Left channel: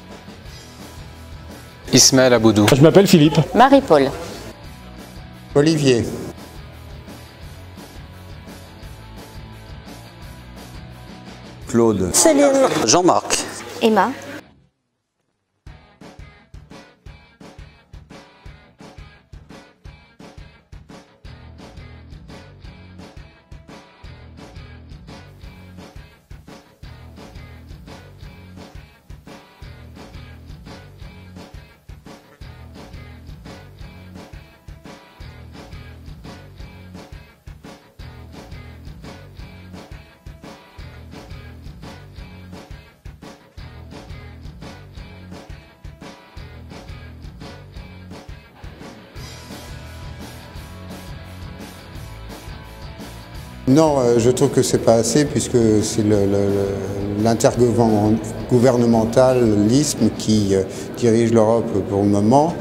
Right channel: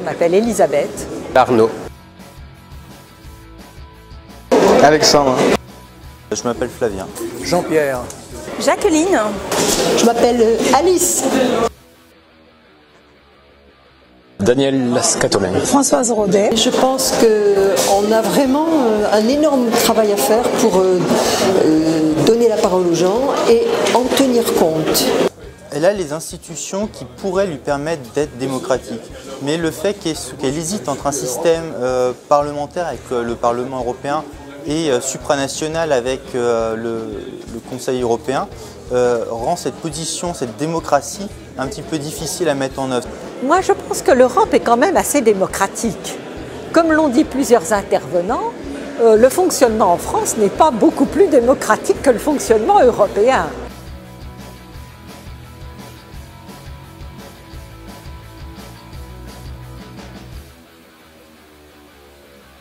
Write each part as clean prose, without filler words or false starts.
Je m'appelle Elisabeth. Arnaud. Ismaël Aboudou. Je m'appelle Philippe. Marie-Paul. Alexandre. Olivier. Je m'appelle Flavien. Jean-Pierre. Jacqueline. Je m'appelle Alice. Claude. Céline. Jean-Marc. Emma. Daniel Lascatolin. Françoise Rodet. Je pense qu'on a vraiment un énorme travail à faire pour donner la parole aux gens et en tenir compte. Elle a les institutions qui pourraient lui permettre d'être démocratique. Mais le fait qu'elle hésite entre un système parlementaire avec le Parlement européen et supranational avec le Conseil européen rend cette position, cette démocratie, un petit peu difficile à mettre en œuvre. Moi, je pense que l'Europe est quand même assez démocratique. Comme l'ont dit plusieurs intervenants, le fonctionnement en France n'est pas beaucoup plus démocratique que le fonctionnement européen. Non, je trouve que c'est pas assez puisque c'est l'intergouvernementalisme qui dirige l'Europe pour le moment.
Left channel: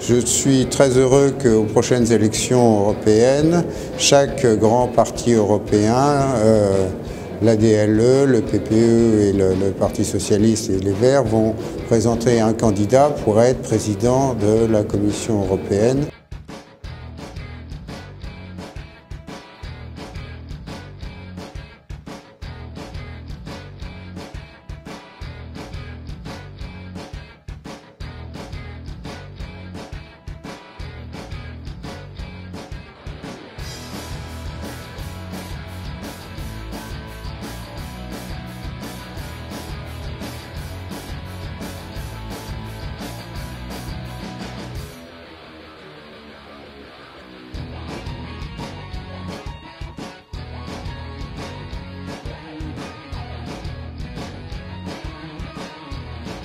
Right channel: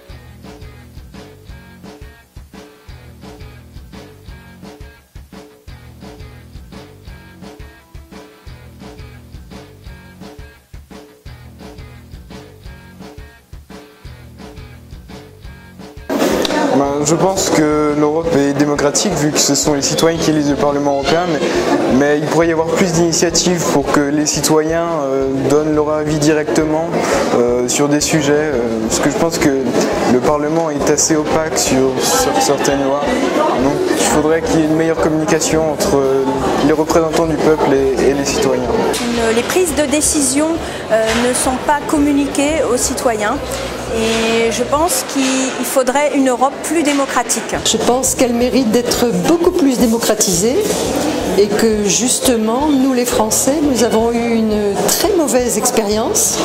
Je suis très heureux qu'aux prochaines élections européennes, chaque grand parti européen, l'ADLE, le PPE et le Parti Socialiste et les Verts vont présenter un candidat pour être président de la Commission européenne. Je pense que l'Europe est démocratique vu que ce sont les citoyens qui élisent le Parlement européen, mais il pourrait y avoir plus d'initiatives pour que les citoyens donnent leur avis directement sur des sujets, parce que je pense que le Parlement est assez opaque sur certaines lois. Donc il faudrait qu'il y ait une meilleure communication entre les représentants du peuple et les citoyens. Les prises de décision ne sont pas communiquées aux citoyens. Et je pense qu'il faudrait une Europe plus démocratique. Je pense qu'elle mérite d'être beaucoup plus démocratisée et que justement, nous les Français, nous avons eu une très mauvaise expérience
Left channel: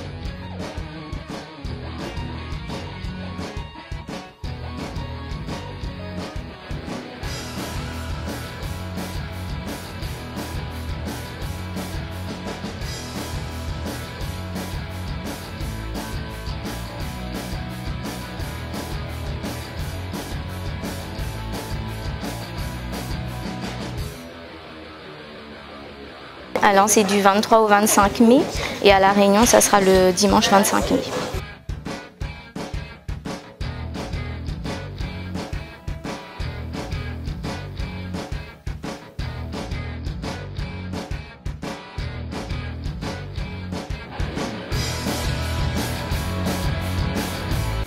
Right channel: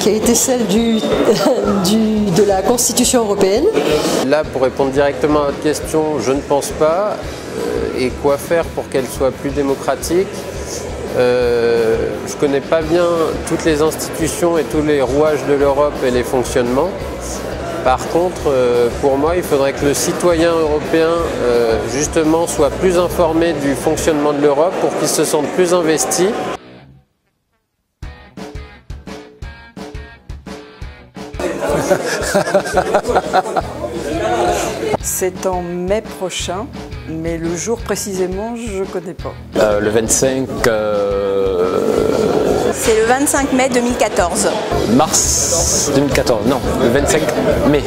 qui a été celle de la Constitution européenne. Là, pour répondre directement à votre question, je ne pense pas. Et quoi faire pour qu'elle soit plus démocratique ? Je ne connais pas bien toutes les institutions et tous les rouages de l'Europe et les fonctionnements. Par contre, pour moi, il faudrait que le citoyen européen, justement, soit plus informé du fonctionnement de l'Europe pour qu'il se sente plus investi. Alors, c'est du 23 au 25 mai et à La Réunion, ça sera le dimanche 25 mai. C'est en mai prochain, mais le jour précisément, je ne connais pas. Le 25... C'est le 25 mai 2014. Mars 2014, non, le 25 mai.